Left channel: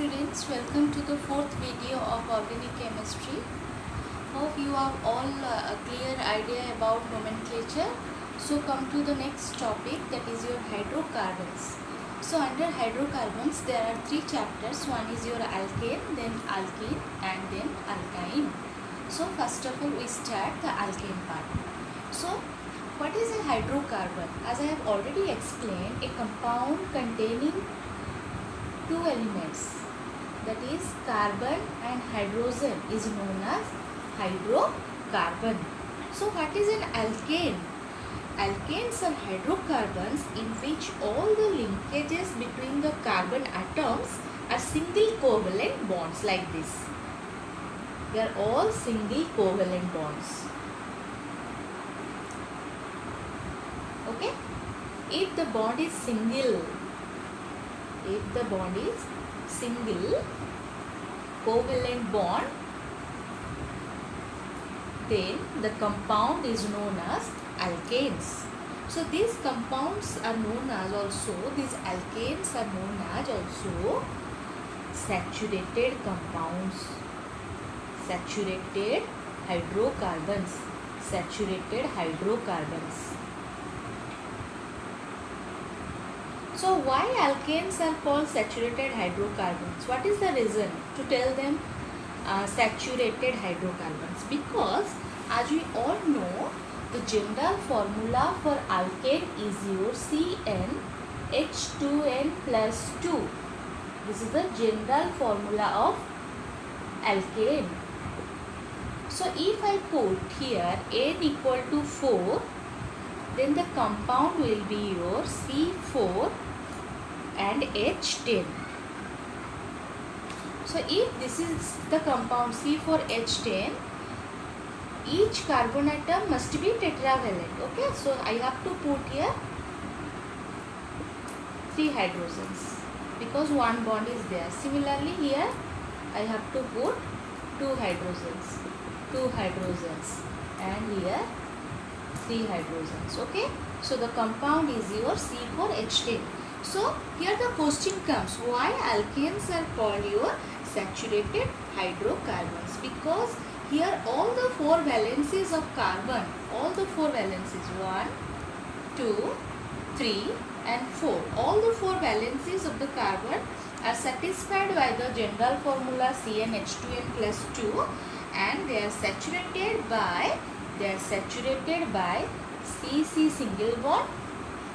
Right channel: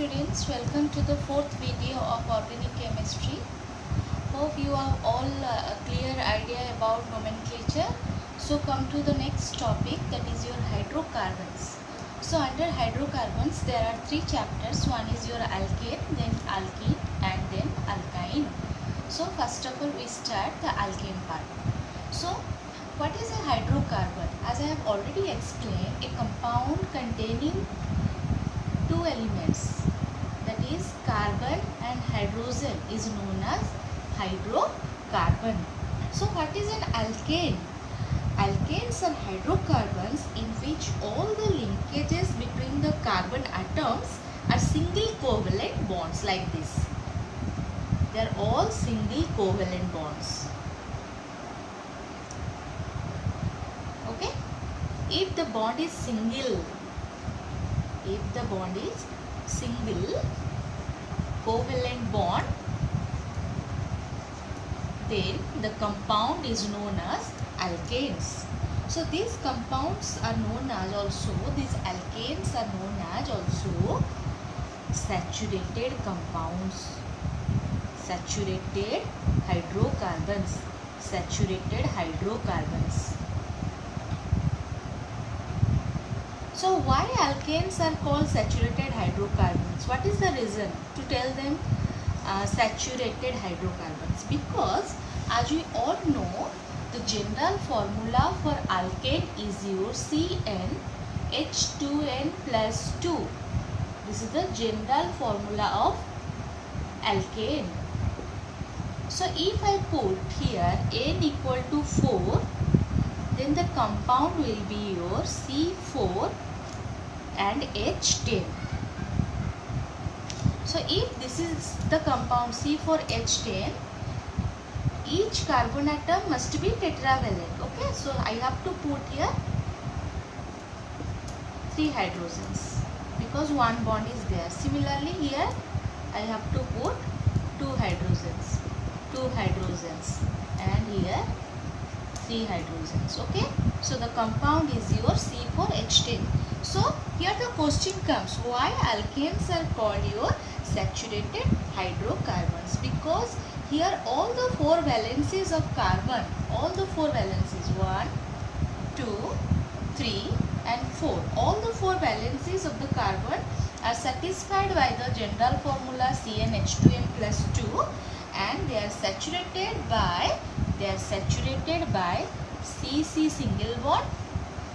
students, welcome to the fourth video of organic chemistry. Hope you have all a clear idea about nomenclature. So come to the next topic, that is your hydrocarbons. So under hydrocarbons there are three chapters. One is your alkane, then alkene and then alkyne. So first of all we start the alkane part. So what is a hydrocarbon? As I have already explained, a compound containing two elements, that is carbon and hydrogen, is known as hydrocarbon. So what is an alkane? Alkanes are hydrocarbons in which all the linkages between the carbon atoms are single covalent bonds like this. They are all single covalent bonds. Okay? If the bond is single covalent bond, then the compound is known as alkanes. So these compounds are known as also, these alkanes are known as also saturated compounds, saturated hydrocarbons. So why alkanes are called saturated hydrocarbons? What is the reason to tell them saturated hydrocarbons? Because as we all know, the general formula for alkane is your CnH2n plus 2. This is the general formula of alkane. So if I put here n equal to 4, then the compound will be your C4 and H10. So if this is the compound C4H10, each carbon atom must be tetravalent. Okay, so I have to put here 3 hydrogens because one bond is there. Similarly here I have to put 2 hydrogens and here 3 hydrogens. Okay, so the compound is your C4H10. So here the question comes, why alkanes are called your saturated hydrocarbons? Because here all the 4 valencies of carbon, all the 4 valencies, 1, 2, 3 and 4, all the 4 valencies of the carbon are satisfied by the general formula CnH2n plus 2, and they are saturated by CC single bond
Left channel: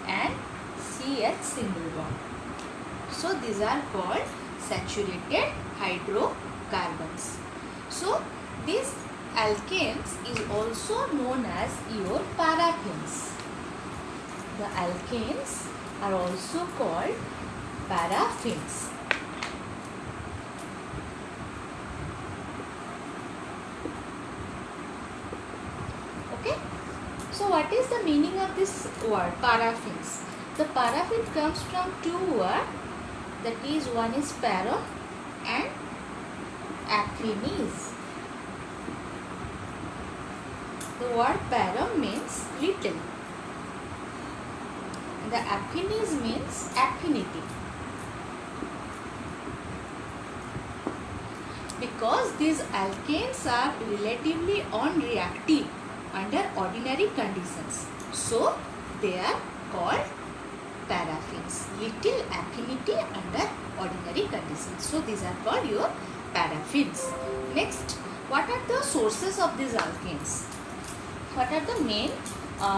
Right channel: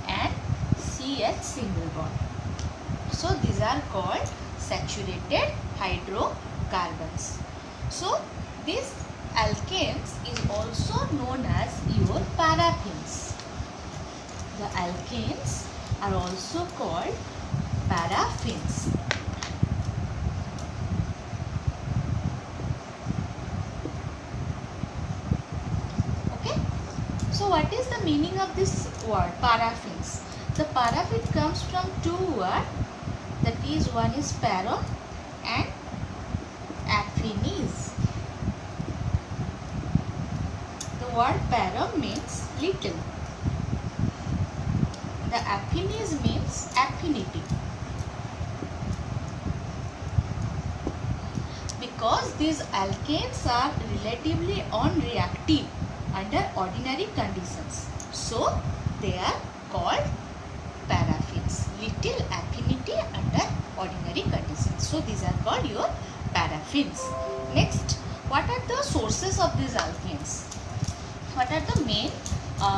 and CH single bond. So these are called saturated hydrocarbons. So these alkanes is also known as your paraffins. The alkanes are also called paraffins. Okay. So what is the meaning of this word paraffins? The paraffin comes from two words, that is one is para and affinis. The word para means little. The affinis means affinity. Because these alkanes are relatively unreactive under ordinary conditions, so they are called paraffins. Little affinity under ordinary conditions, so these are called your paraffins. Next, what are the sources of these alkanes? What are the main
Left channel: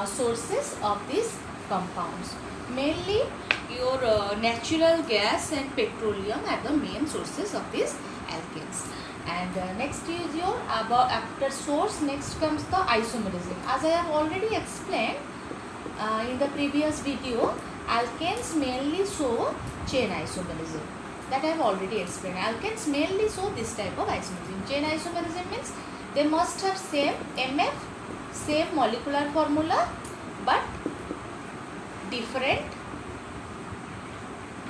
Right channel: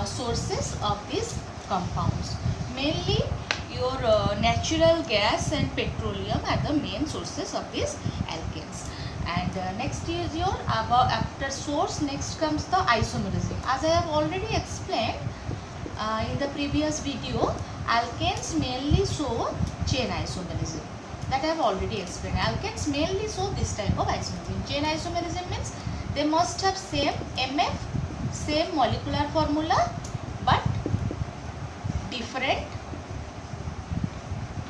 sources of these compounds? Mainly your natural gas and petroleum are the main sources of these alkanes. And next is your after source, next comes the isomerism. As I have already explained in the previous video, alkanes mainly show chain isomerism. That I have already explained. Alkanes mainly show this type of isomerism. Chain isomerism means they must have same MF, same molecular formula, but different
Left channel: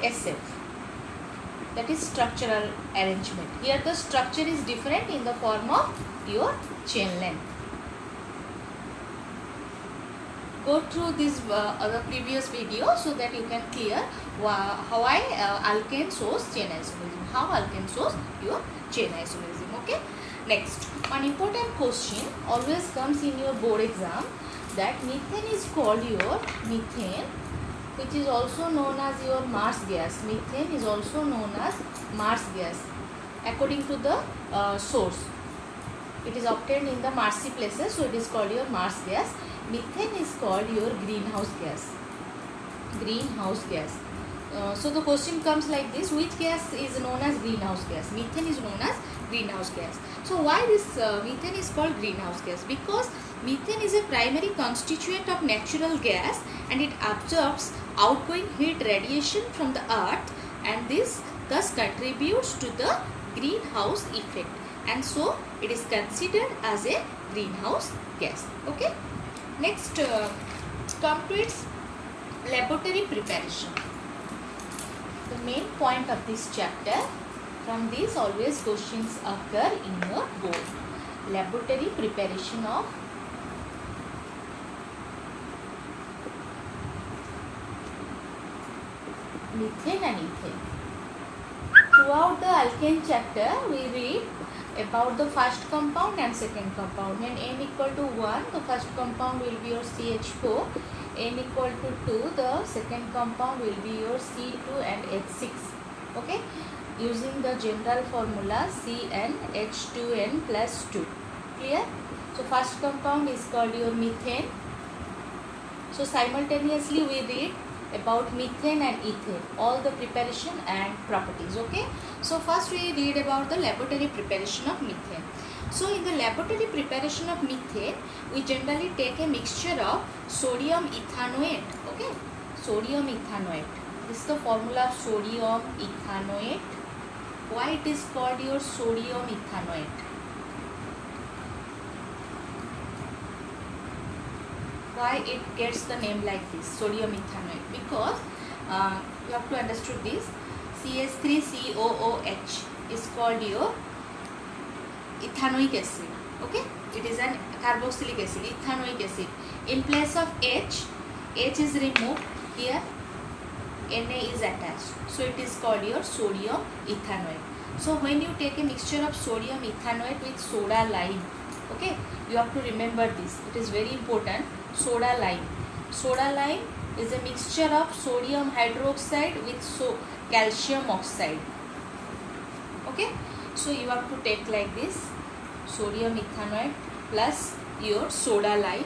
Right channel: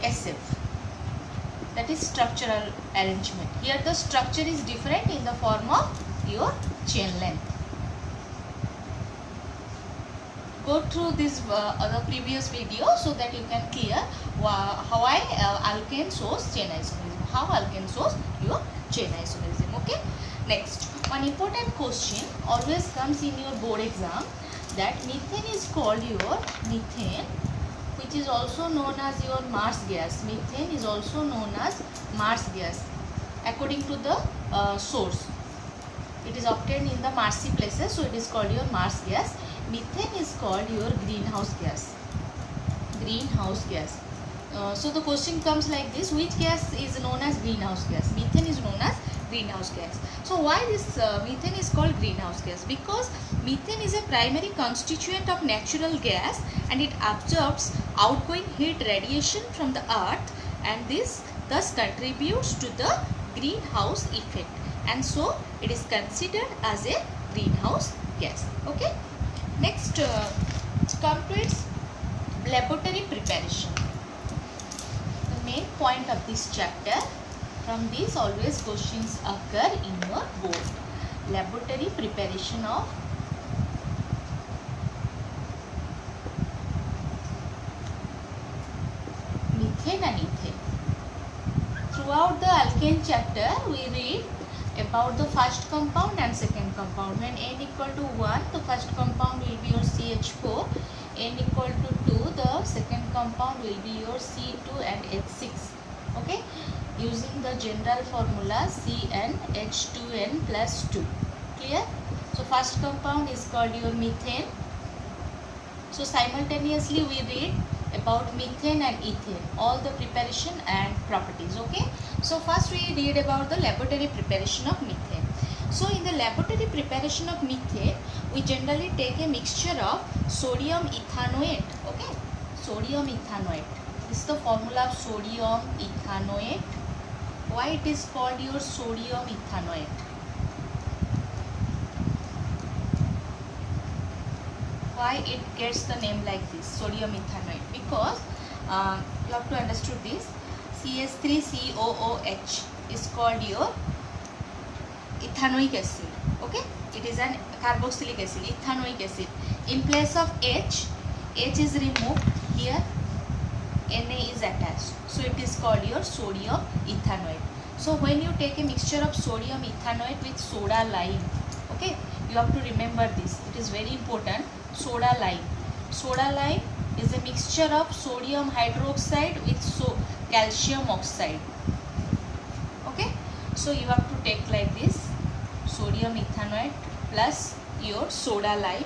SF. That is structural arrangement. Here the structure is different in the form of your chain length. go through this the previous video so that you can clear how alkane shows chain isomerism. How alkane shows your chain isomerism. Okay. Next, one important question always comes in your board exam, that methane is called your methane, which is also known as your Mars gas. Methane is also known as Mars gas according to the source. It is obtained in the marsy places, so it is called your Mars gas. Methane is called your greenhouse gas. Greenhouse gas. So the question comes like this: which gas is known as greenhouse gas? Methane is known as greenhouse gas. So why this methane is called greenhouse gas? Because methane is a primary constituent of natural gas and it absorbs outgoing heat radiation from the earth, and this thus contributes to the greenhouse effect, and so it is considered as a greenhouse gas. Okay. Next, come to its laboratory preparation. The main point of this chapter, from this always questions occur in your board. Laboratory preparation of methane and ethane. Throughout the alkane chapter, we read about the first compound and second compound. When n equal to 1, the first compound will be your CH4. N equal to 2, the second compound will be your C2 and H6. Okay, using the general formula CnH2n plus 2. Clear? So first compound is called your methane. So simultaneously we read about methane and ethane, all the preparation and properties. Okay, so first we read about the laboratory preparation of methane. So in the laboratory preparation of methane, we generally take a mixture of sodium ethanoate. Okay, sodium ethanoate. This is the formula of sodium ethanoate. Why it is called your sodium ethanoate? Why it gets the name like this, sodium ethanoate? Because you have to understand this. CH3COOH is called your ethanoic acid. Okay, it is an carboxylic acid, ethanoic acid. In place of H is removed, here Na is attached, so it is called your sodium ethanoate. So when you take a mixture of sodium ethanoate with soda lime, okay, you have to remember this, it is very important. Soda lime. Soda lime is a mixture of sodium hydroxide with calcium oxide. Okay, so you have to take like this, sodium ethanoate plus your soda lime.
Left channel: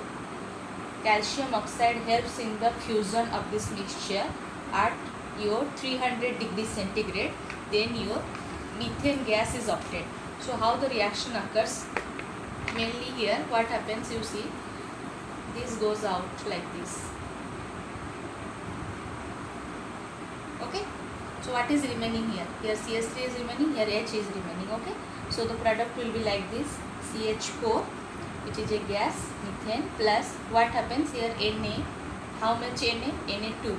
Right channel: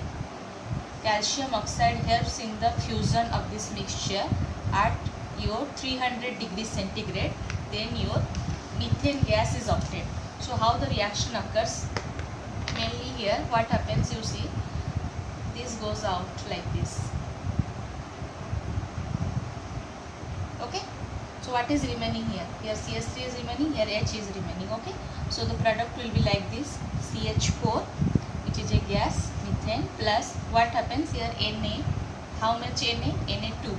Calcium oxide helps in the fusion of this mixture at your 300 degrees centigrade. Then your methane gas is obtained. So how the reaction occurs? Mainly here what happens, you see, this goes out like this. Okay, so what is remaining here? Here CH3 is remaining, here H is remaining. Okay, so the product will be like this: CH4, which is a gas, methane, plus what happens here, Na. How much Na? Na2.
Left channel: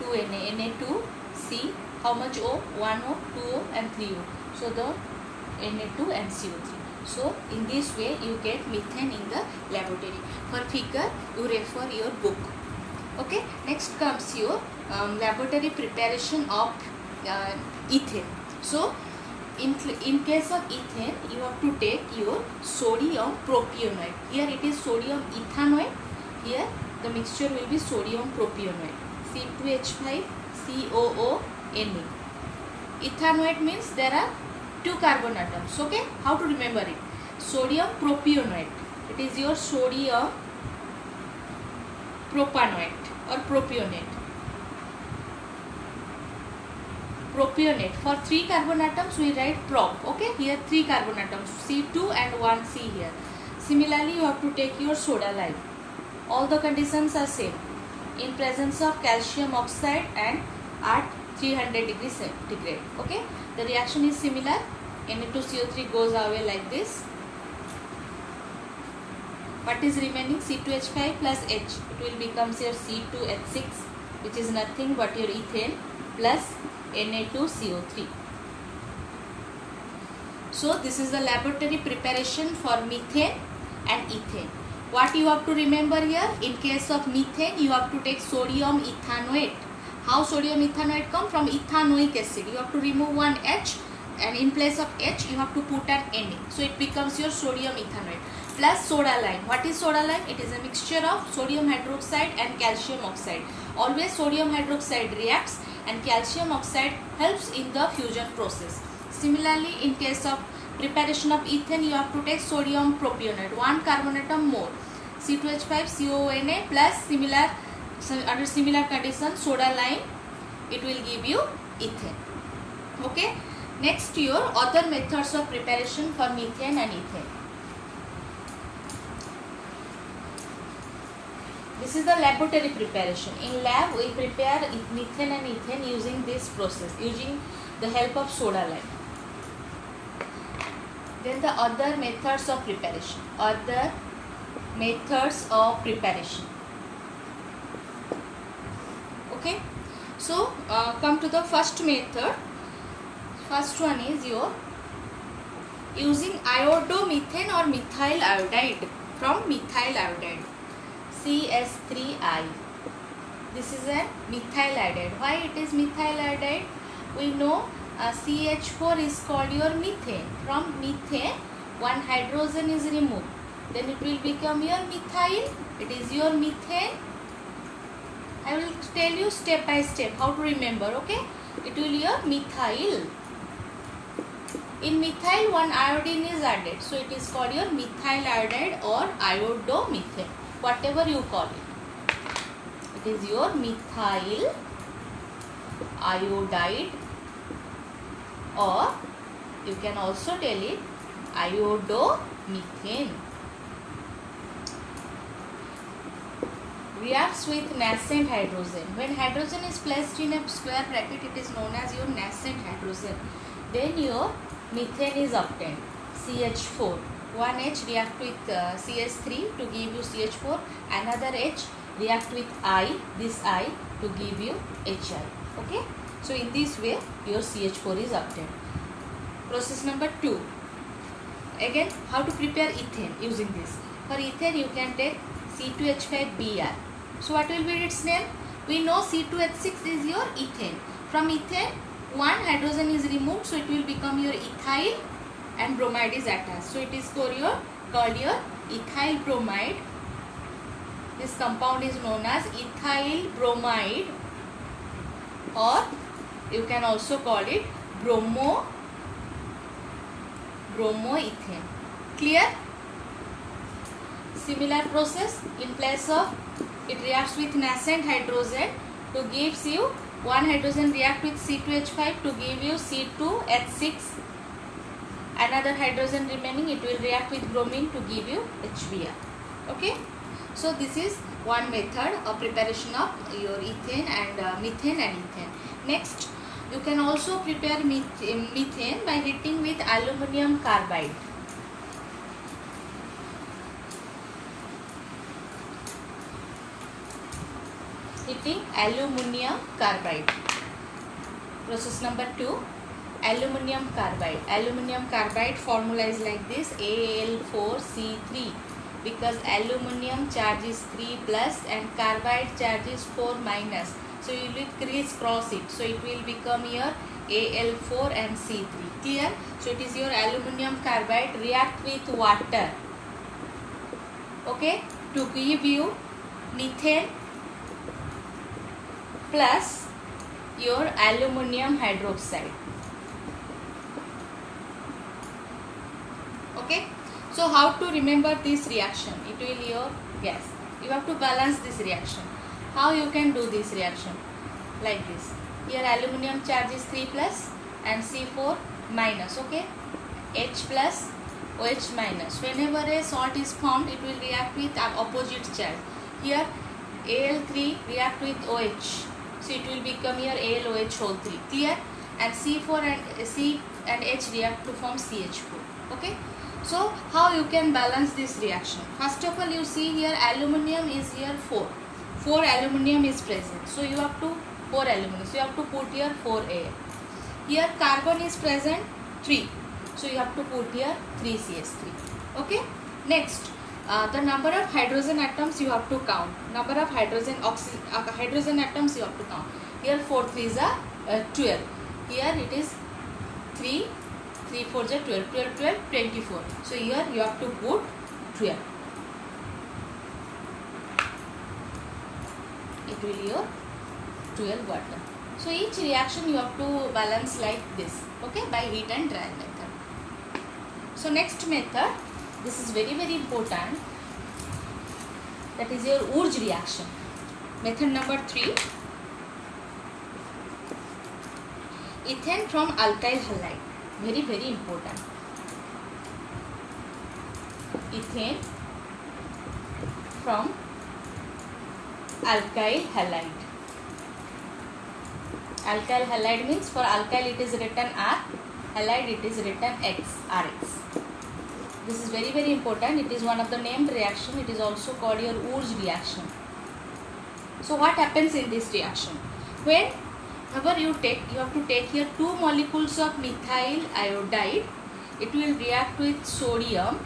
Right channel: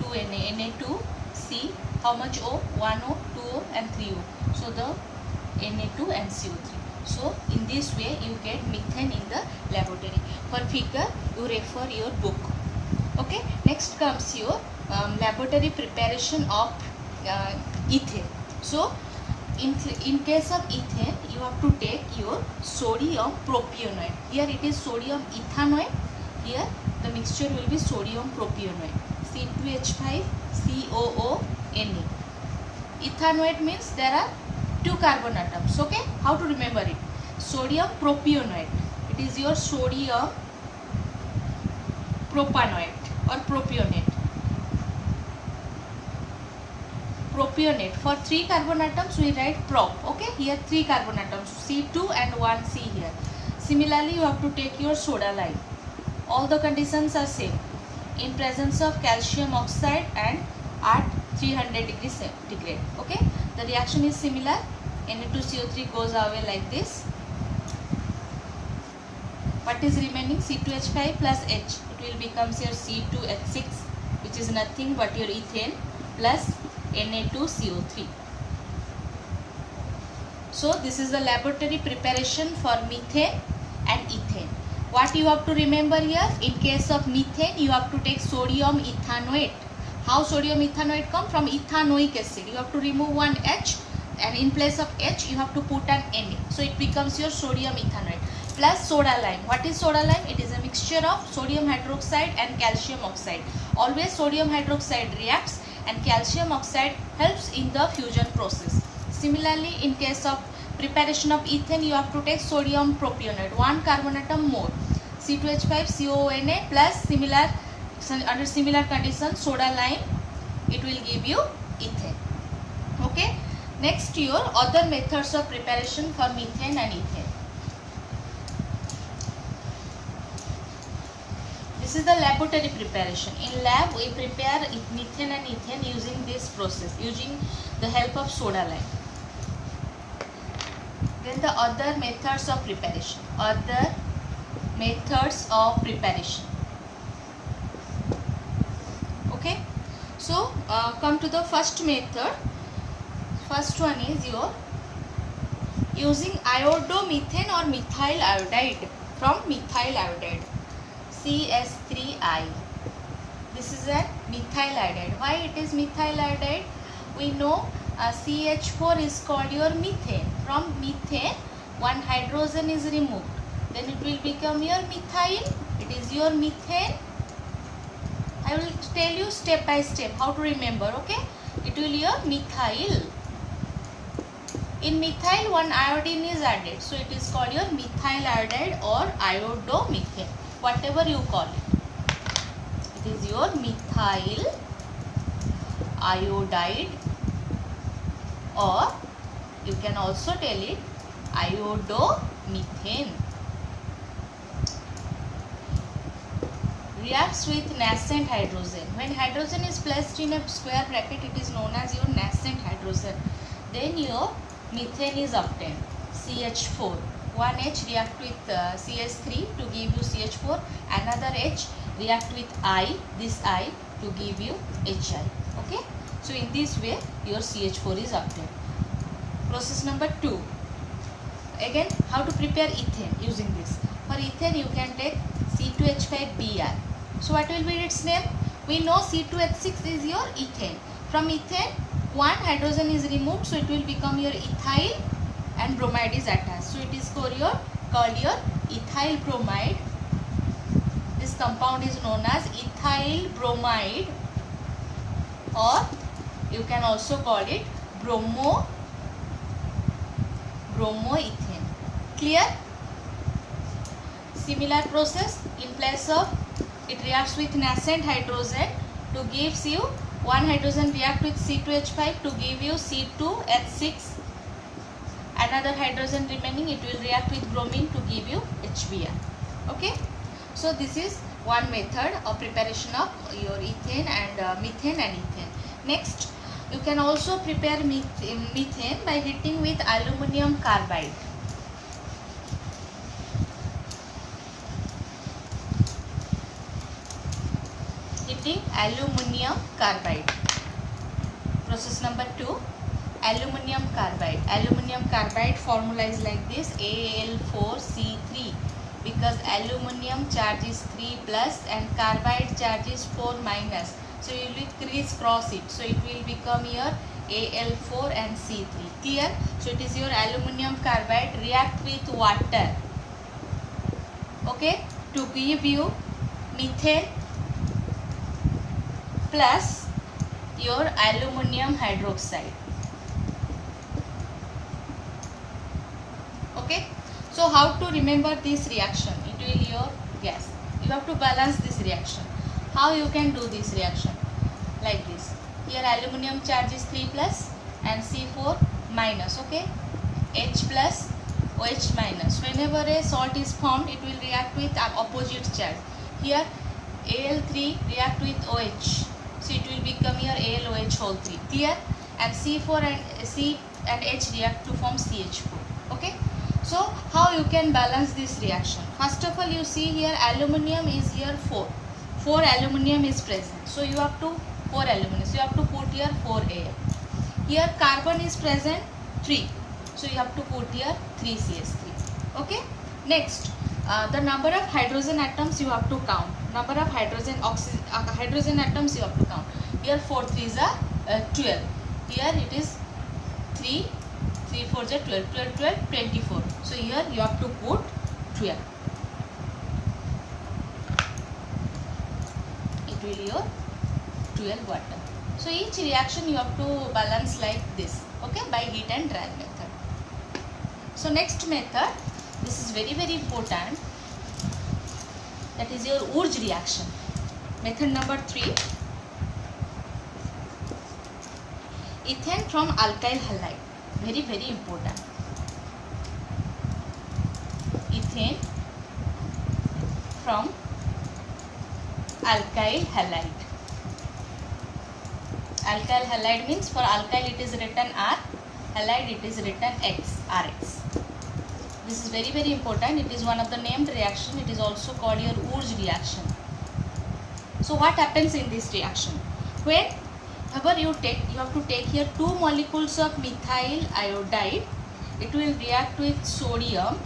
2 Na, Na2, C. How much O? 1O, 2O and 3O. So the Na2 and CO3. So in this way you get methane in the laboratory. For figure you refer your book. Okay, next comes your laboratory preparation of ethane. So in case of ethane, you have to take your sodium propionate. Here it is sodium ethanoate. Here the mixture will be sodium propionate. C2H5 COO Na. Ethanoate means there are 2 carbon atoms. Okay, how to remember it? Sodium propionate. It is your sodium propanoate or propionate. Propionate. For 3 carbon atoms we write prop. Okay, here 3 carbon atoms, C2 and 1 C here. Similarly you have to take your soda lime. All the conditions are same. In presence of calcium oxide and at 300 degrees centigrade. Okay, the reaction is similar. Na2CO3 goes away like this. What is remaining? C2H5 plus H. It will become your C2H6, which is nothing but your ethane, plus Na2CO3. So this is the laboratory preparation for methane and ethane. What you have to remember here? In case of methane, you have to take sodium ethanoate. How sodium ethanoate come? From ethanoic acid. You have to remove one H, and in place of H, you have to put an Na. So it becomes your sodium ethanoate. Plus soda lime. What is soda lime? It is a mixture of sodium hydroxide and calcium oxide. Always sodium hydroxide reacts and calcium oxide helps in the fusion process. Similarly, in case of preparation of ethane, you have to take sodium propionate, 1 carbon atom more, C2H5CONA plus under similar condition soda lime, it will give you ethane. Okay. Next, your other methods of preparation for methane and ethane. This is the laboratory preparation. In lab, we prepare methane and ethane using this process, using the help of soda lime. Then the other methods of preparation. Other methods of preparation. Okay. So, come to the first method. First one is your using iodomethane or methyl iodide from methyl iodide. CS3I. This is a methyl iodide. Why it is methyl iodide? We know CH4 is called your methane. From methane, one hydrogen is removed. Then it will become your methyl. It is your methane. I will tell you step by step how to remember. Okay? It will your methyl. In methyl, one iodine is added. So it is called your methyl iodide or iodomethane. Whatever you call it. It is your methyl iodide, or you can also tell it iodomethane. Reacts with nascent hydrogen. When hydrogen is placed in a square bracket, it is known as your nascent hydrogen. Then your methane is obtained. CH4. One H react with CH3 to give you CH4. Another H react with I, this I, to give you HI. Okay. So in this way, your CH4 is obtained. Process number 2. Again, how to prepare ethane using this. For ethane, you can take C2H5Br. So what will be its name? We know C2H6 is your ethane. From ethane, one hydrogen is removed, so it will become your ethyl and bromide is attached. So it is called your ethyl bromide. This compound is known as ethyl bromide, or you can also call it bromoethane. Clear? Similar process. In place of it reacts with nascent hydrogen to gives you one hydrogen react with C2H5 to give you C2H6. Another hydrogen remaining, it will react with bromine to give you HBr. Okay. So this is one method of preparation of your ethane and methane and ethane. Next, you can also prepare methane by heating with aluminum carbide. Heating aluminum carbide. Process number 2. Aluminum carbide. Aluminum carbide formula is like this: Al4C3, because aluminum charge is 3 plus and carbide charge is 4 minus. So you will crisscross it. So it will become your Al4 and C3. Clear? So it is your aluminum carbide react with water. Okay? To give you methane plus your aluminum hydroxide. Okay, so how to remember this reaction? It will your gas. You have to balance this reaction. How you can do this reaction? Like this. Here aluminum charge is 3 plus and C4 minus. Okay, H plus OH minus. Whenever a salt is formed, it will react with opposite charge. Here Al3 react with OH. So it will become your AlOH whole 3. Clear? And C4 and C and H react to form CH4. Okay? So how you can balance this reaction? First of all, you see here aluminum is here 4. 4 aluminum is present. So you have to 4 aluminum. So you have to put here 4A. Here carbon is present 3. So you have to put here 3CH3. Okay? Next, the number of hydrogen atoms you have to count. Number of hydrogen atoms you have to count. Here 4 3s are 12. Here it is 3 4s are 12. 12 12 24. So here you have to put 12. It will your 12 water. So each reaction you have to balance like this, okay, by heat and dry method. So next method, this is very important, that is your Wurtz reaction. Method number 3, ethane from alkyl halide, very important. Ethane from alkyl halide. Alkyl halide means for alkyl it is written R, halide it is written X, Rx. This is very important. It is one of the named reaction. It is also called your Wurtz reaction. So what happens in this reaction? Whenever you have to take here 2 molecules of methyl iodide. It will react with sodium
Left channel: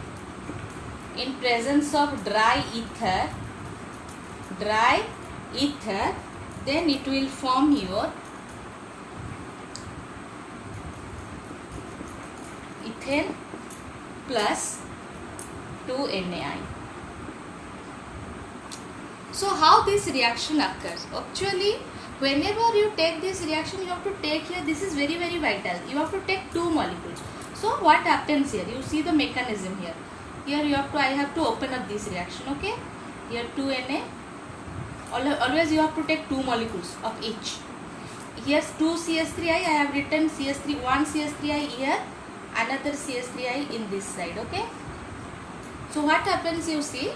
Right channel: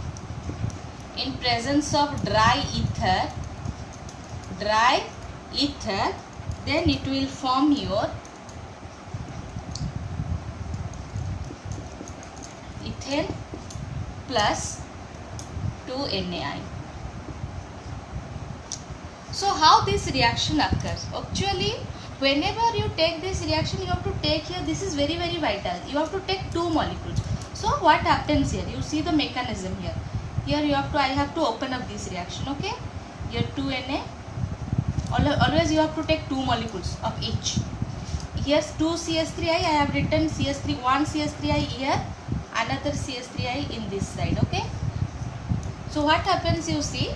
in presence of dry ether. Then it will form your ethane plus 2NaI. So how this reaction occurs? Actually, whenever you take this reaction, you have to take here, this is very vital. You have to take 2 molecules. So what happens here? You see the mechanism here. Here you have to, I have to open up this reaction, okay? Here 2Na. Always you have to take 2 molecules of each. Here 2 CH3I, I have written CH3, 1 CH3I here, another CH3I in this side, okay? So what happens, you see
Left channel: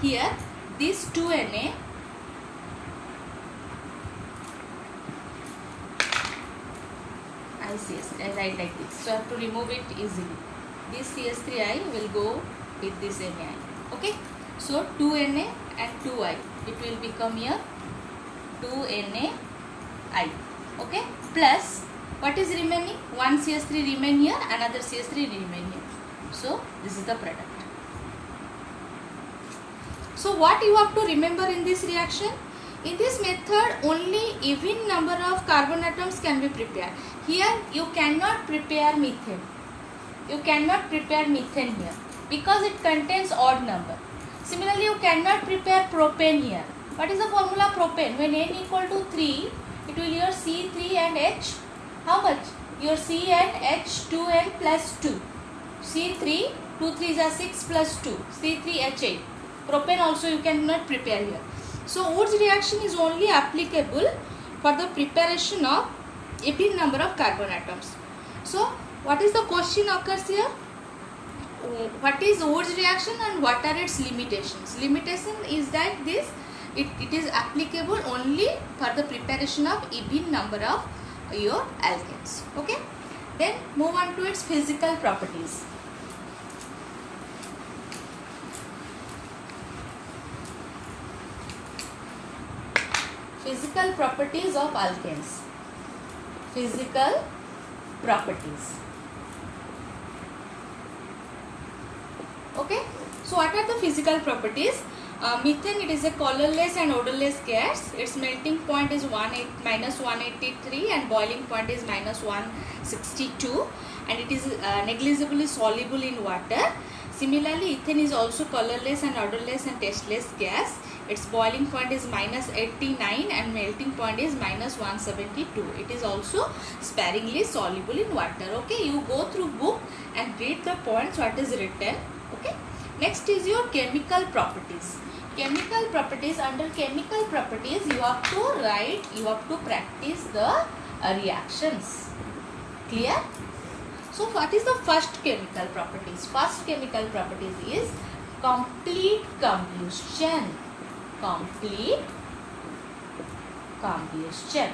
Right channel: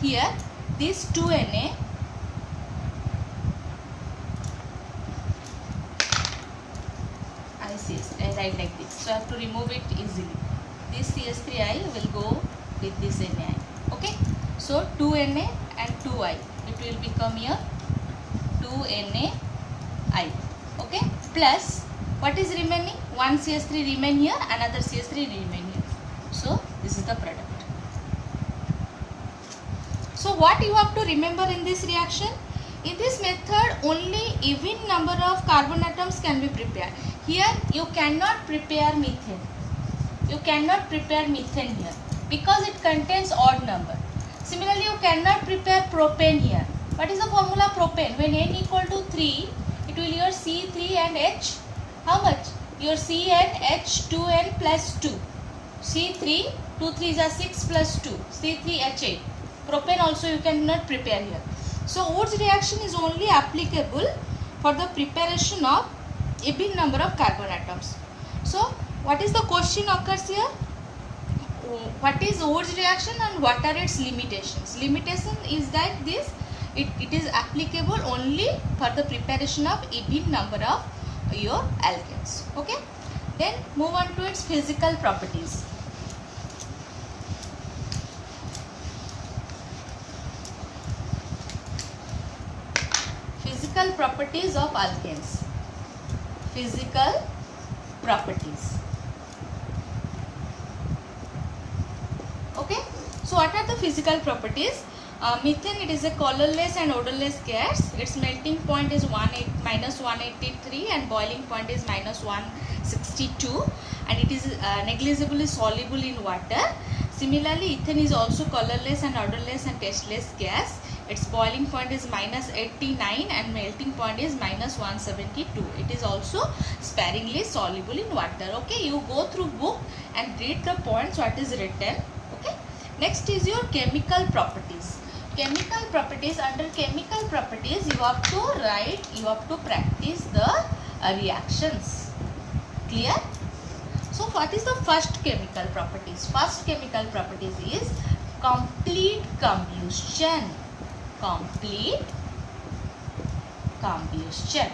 here, this 2Na, I write like this, so I have to remove it easily. This CH3I will go with this Na, okay? So 2Na and 2I, it will become here 2NaI, okay? Plus, what is remaining? 1 CH3 remain here, another CH3 remain here. So this is the product. So what you have to remember in this reaction? In this method, only even number of carbon atoms can be prepared. Here you cannot prepare methane. You cannot prepare methane here because it contains odd number. Similarly, you cannot prepare propane here. What is the formula propane? When n equal to 3, it will your C3 and H. How much? Your C and H 2n plus 2. C3, 2 3s are 6 plus 2. C3H8. Propane also you cannot prepare here. So Wurtz reaction is only applicable for the preparation of even number of carbon atoms. So what is the question occurs here? What is Wurtz reaction and what are its limitations? Limitation is that this it is applicable only for the preparation of even number of your alkanes. Okay. Then move on to its physical properties. Physical properties of alkanes. Physical properties. Okay. So what are the physical properties? Methane, it is a colorless and odorless gas. Its melting point is minus 183 and boiling point is minus 162, and it is negligibly soluble in water. Similarly, ethane is also colorless and odorless and tasteless gas. Its boiling point is minus 89 and melting point is minus 172. It is also sparingly soluble in water. Okay, you go through book and read the points what is written. Okay. Next is your chemical properties. Chemical properties. Under chemical properties, you have to write, you have to practice the reactions. Clear? So what is the first chemical properties? First chemical properties is complete combustion. Complete combustion.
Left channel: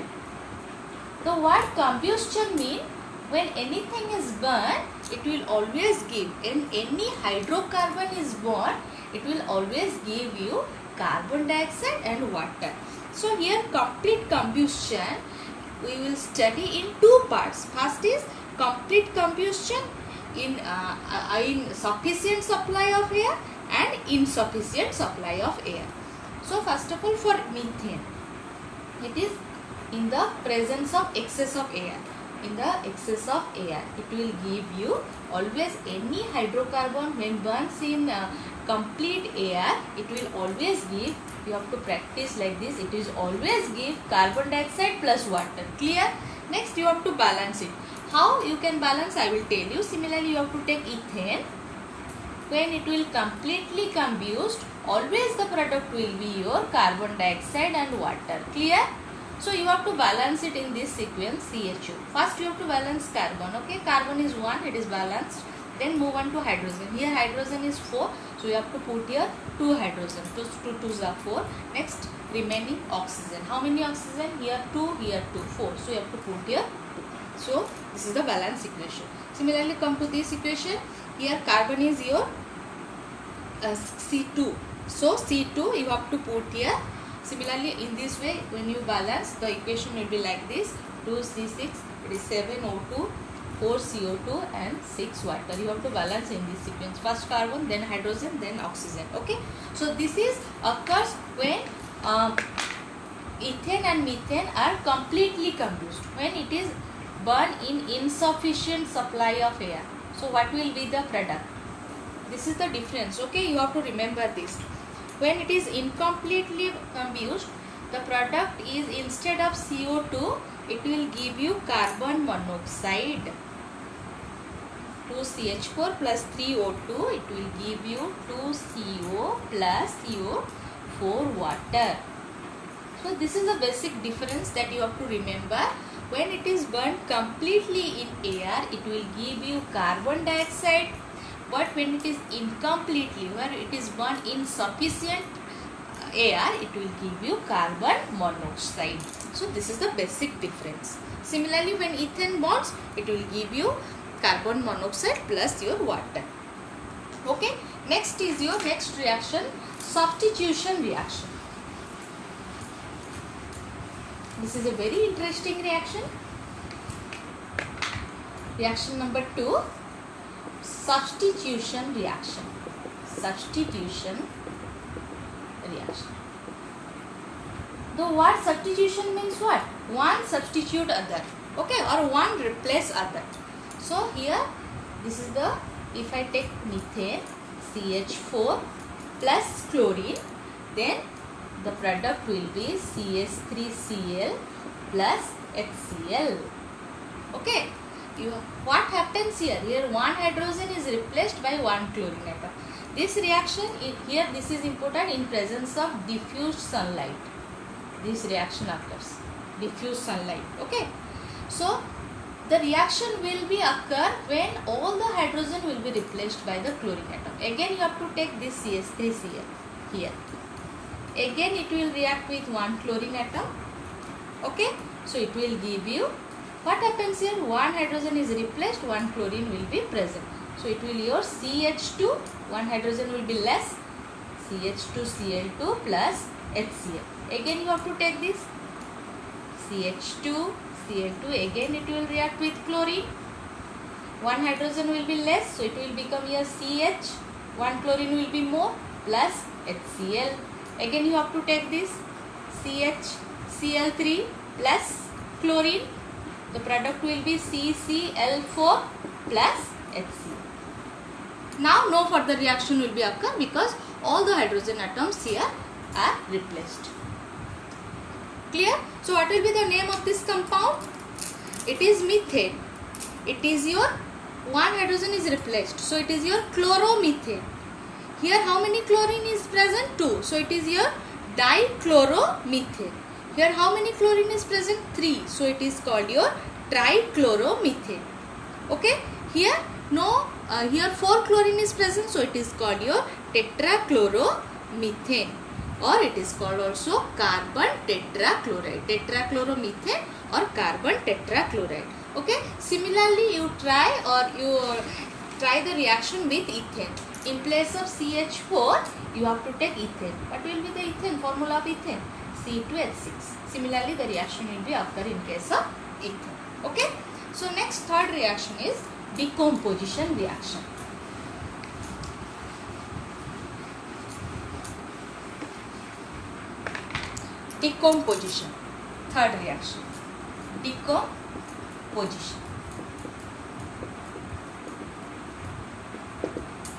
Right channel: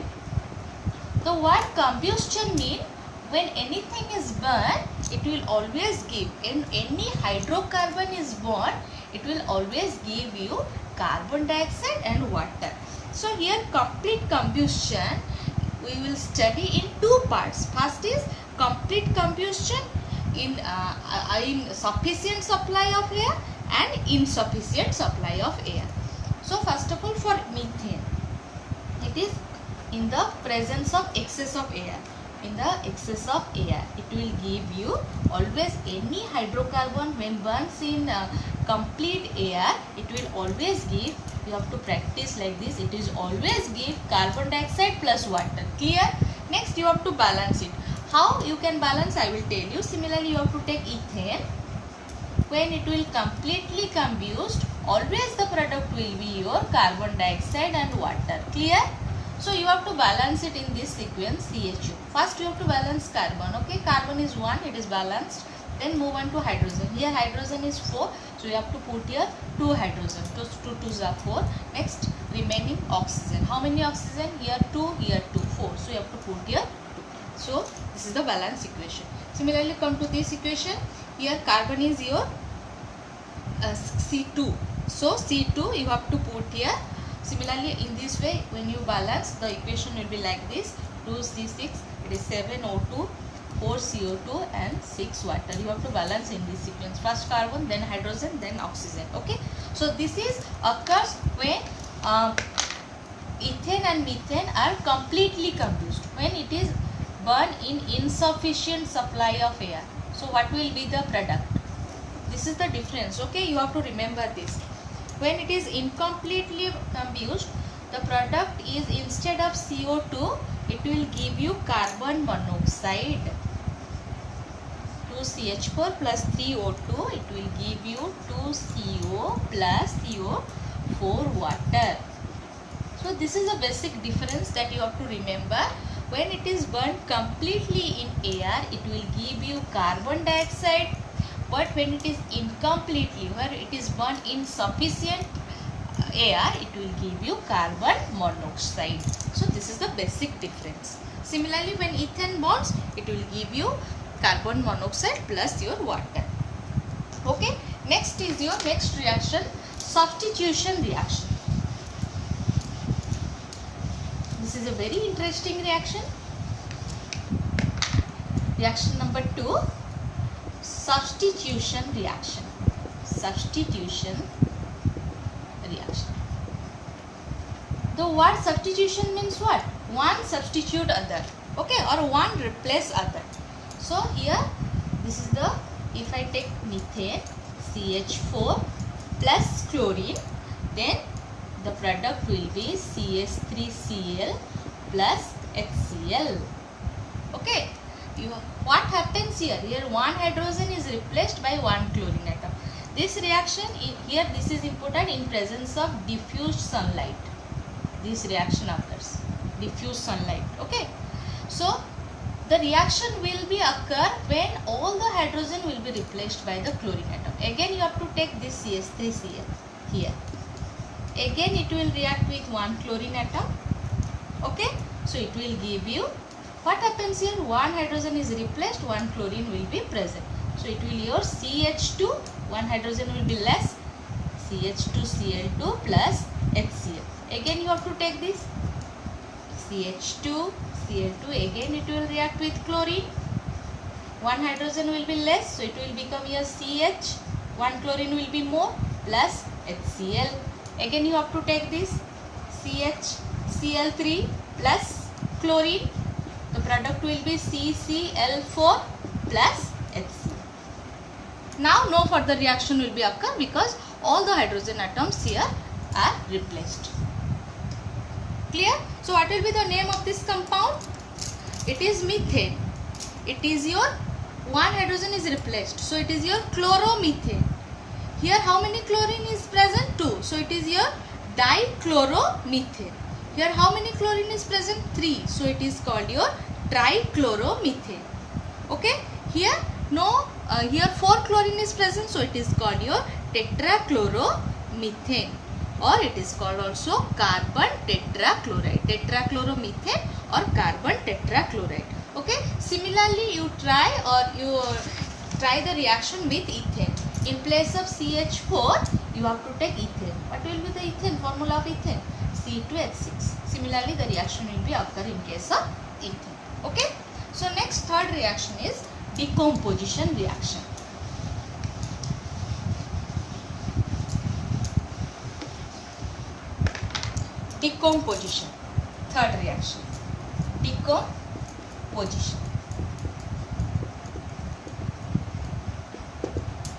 The word combustion means when anything is burned, it will always give, in any hydrocarbon is burned, it will always give you carbon dioxide and water. So here complete combustion we will study in two parts. First is complete combustion in sufficient supply of air. and insufficient supply of air. So first of all, for methane, it is in the presence of excess of air. In the excess of air, it will give you always any hydrocarbon when burns in complete air, it will always give, you have to practice like this, it is always give carbon dioxide plus water. Clear? Next you have to balance it. How you can balance, I will tell you. Similarly, you have to take ethane. When it will completely combust, always the product will be your carbon dioxide and water. Clear? So you have to balance it in this sequence, CHO. First you have to balance carbon. Okay, carbon is 1, it is balanced. Then move on to hydrogen. Here hydrogen is 4, so you have to put here 2 hydrogen. 2 2s are 4. Next remaining oxygen. How many oxygen? Here 2, here 2, 4. So you have to put here 2. So this is the balance equation. Similarly, come to this equation. Here carbon is your C2. So C2 you have to put here. Similarly, in this way, when you balance, the equation will be like this: 2C6, it is 7O2, 4CO2 and 6 water. You have to balance in this sequence. First carbon, then hydrogen, then oxygen. Okay. So this is occurs when ethane and methane are completely combusted. When it is burned in insufficient supply of air. So what will be the product? This is the difference. Okay. You have to remember this. When it is incompletely combusted, the product is, instead of CO2, it will give you carbon monoxide. 2CH4 plus 3O2, it will give you 2CO plus CO4 water. So this is a basic difference that you have to remember. When it is burned completely in air, it will give you carbon dioxide. But when it is incompletely, where it is burned in sufficient air, it will give you carbon monoxide. So this is the basic difference. Similarly, when ethane burns, it will give you carbon monoxide plus your water. Okay. Next is your next reaction, substitution reaction. This is a very interesting reaction. Reaction number 2. Substitution reaction. Substitution reaction. The word substitution means what? One substitute other. Okay, or one replace other. So here, this is the, if I take methane, CH4 plus chlorine, then the product will be CH3Cl plus HCl. Okay. What happens here? Here one hydrogen is replaced by one chlorine atom. This reaction here, this is important in presence of diffused sunlight. This reaction occurs. Diffused sunlight. Okay. So the reaction will be occur when all the hydrogen will be replaced by the chlorine atom. Again you have to take this CH3Cl here. Again it will react with one chlorine atom. Okay. So it will give you, what happens here? One hydrogen is replaced, one chlorine will be present. So it will your CH2, one hydrogen will be less, CH2Cl2 plus HCl. Again you have to take this CH2, Cl2, again it will react with chlorine. One hydrogen will be less, so it will become your CH, one chlorine will be more, plus HCl. Again you have to take this CHCl3 plus chlorine. The product will be CCl4 plus HCl. Now no further reaction will be occur because all the hydrogen atoms here are replaced. Clear? So what will be the name of this compound? It is methane. It is your one hydrogen is replaced. So it is your chloromethane. Here how many chlorine is present? 2. So it is your dichloromethane. Here how many chlorine is present? 3. So it is called your trichloromethane. Okay. Here no, here 4 chlorine is present. So it is called your tetrachloromethane, or it is called also carbon tetrachloride. Tetrachloromethane or carbon tetrachloride. Okay. Similarly, you try the reaction with ethane. In place of CH4, you have to take ethane. What will be the ethane? Formula of ethane? C2H6. Similarly, the reaction will be occur in case of ethane. Okay. So next, third reaction is decomposition reaction. decomposition. Third reaction, decomposition.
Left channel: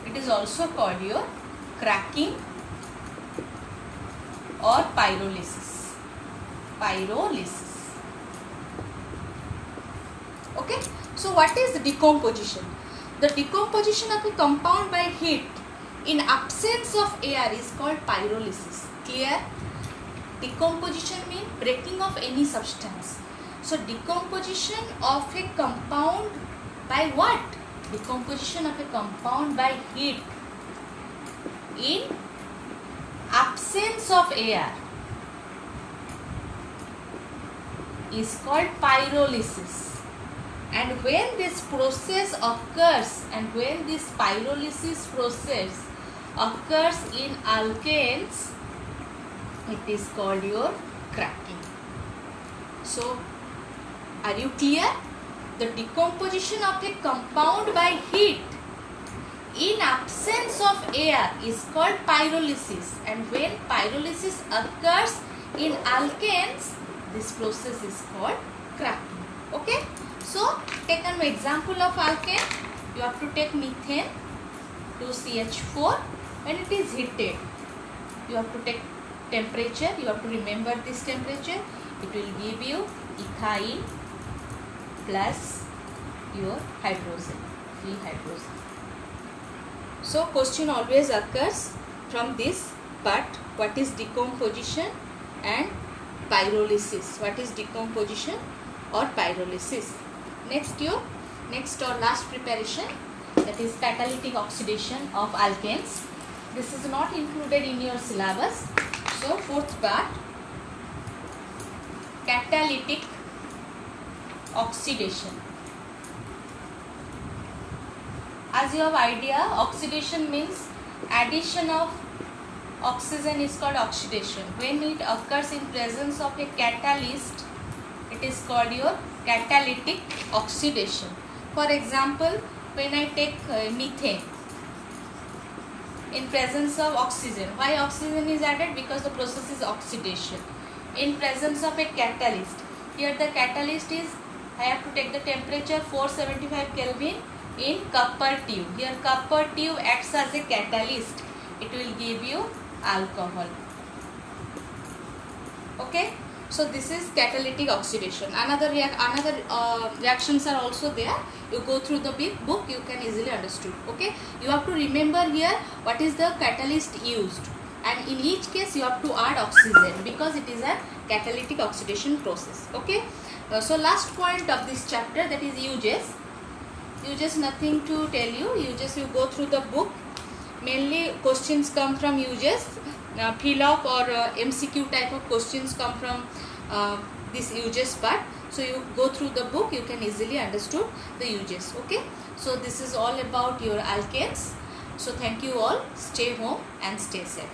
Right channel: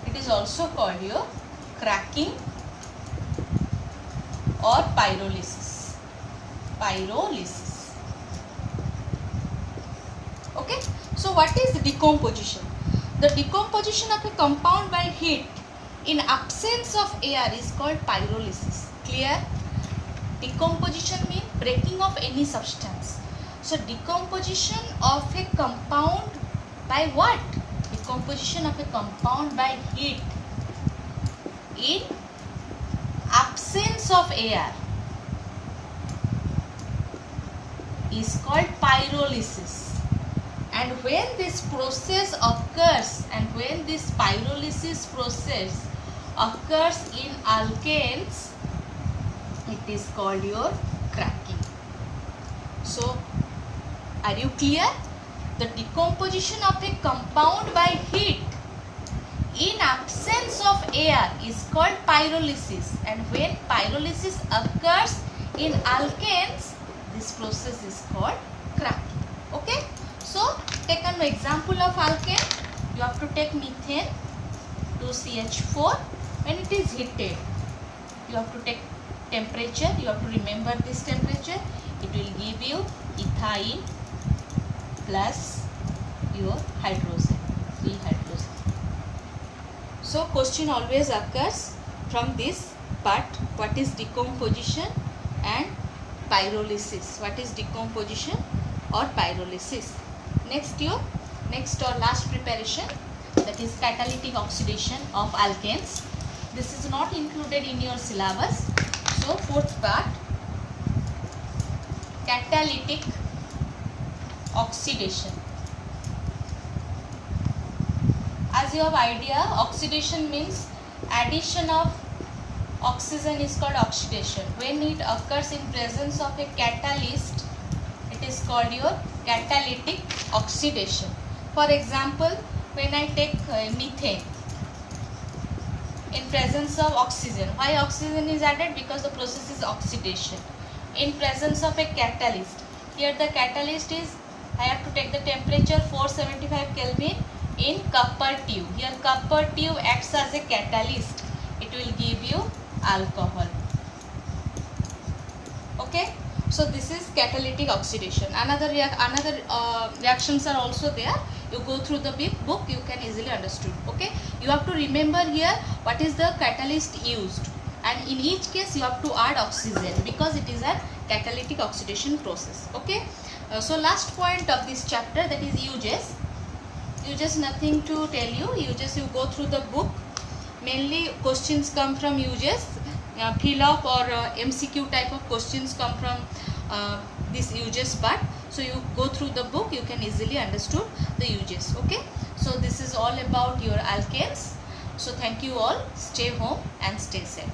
It is also called your cracking or pyrolysis. Okay, so what is decomposition? The decomposition of a compound by heat in absence of air is called pyrolysis. Clear? Decomposition means breaking of any substance. So decomposition of a compound by what? Decomposition of a compound by heat in absence of air is called pyrolysis. And when this process occurs, and when this pyrolysis process occurs in alkanes, it is called your cracking. So, are you clear? The decomposition of a compound by heat in absence of air is called pyrolysis, and when pyrolysis occurs in alkanes, this process is called cracking. Okay? So, take an example of alkane. You have to take methane, 2CH4. When it is heated, you have to take temperature. You have to remember this temperature. It will give you ethyl plus your hydrogen, free hydrogen. So, question always occurs from this part. What is decomposition and pyrolysis? What is decomposition or pyrolysis? Next or last preparation, that is catalytic oxidation of alkanes. This is not included in your syllabus. So fourth part, catalytic oxidation. As you have idea, oxidation means addition of oxygen is called oxidation. When it occurs in presence of a catalyst, it is called your catalytic oxidation. For example, when I take methane in presence of oxygen, why oxygen is added? Because the process is oxidation. In presence of a catalyst, here the catalyst is, I have to take the temperature 475 Kelvin in copper tube. Here copper tube acts as a catalyst. It will give you alcohol. Okay? So this is catalytic oxidation. Another reactions are also there. You go through the book, you can easily understand. Okay, you have to remember here what is the catalyst used, and in each case you have to add oxygen because it is a catalytic oxidation process. Okay, so last point of this chapter, that is uses. Uses nothing to tell you. You go through the book. Mainly questions come from uses. Fill up or MCQ type of questions come from this uses part. So you go through the book, you can easily understand the uses. Okay, so this is all about your alkanes. So thank you all. Stay home and stay safe.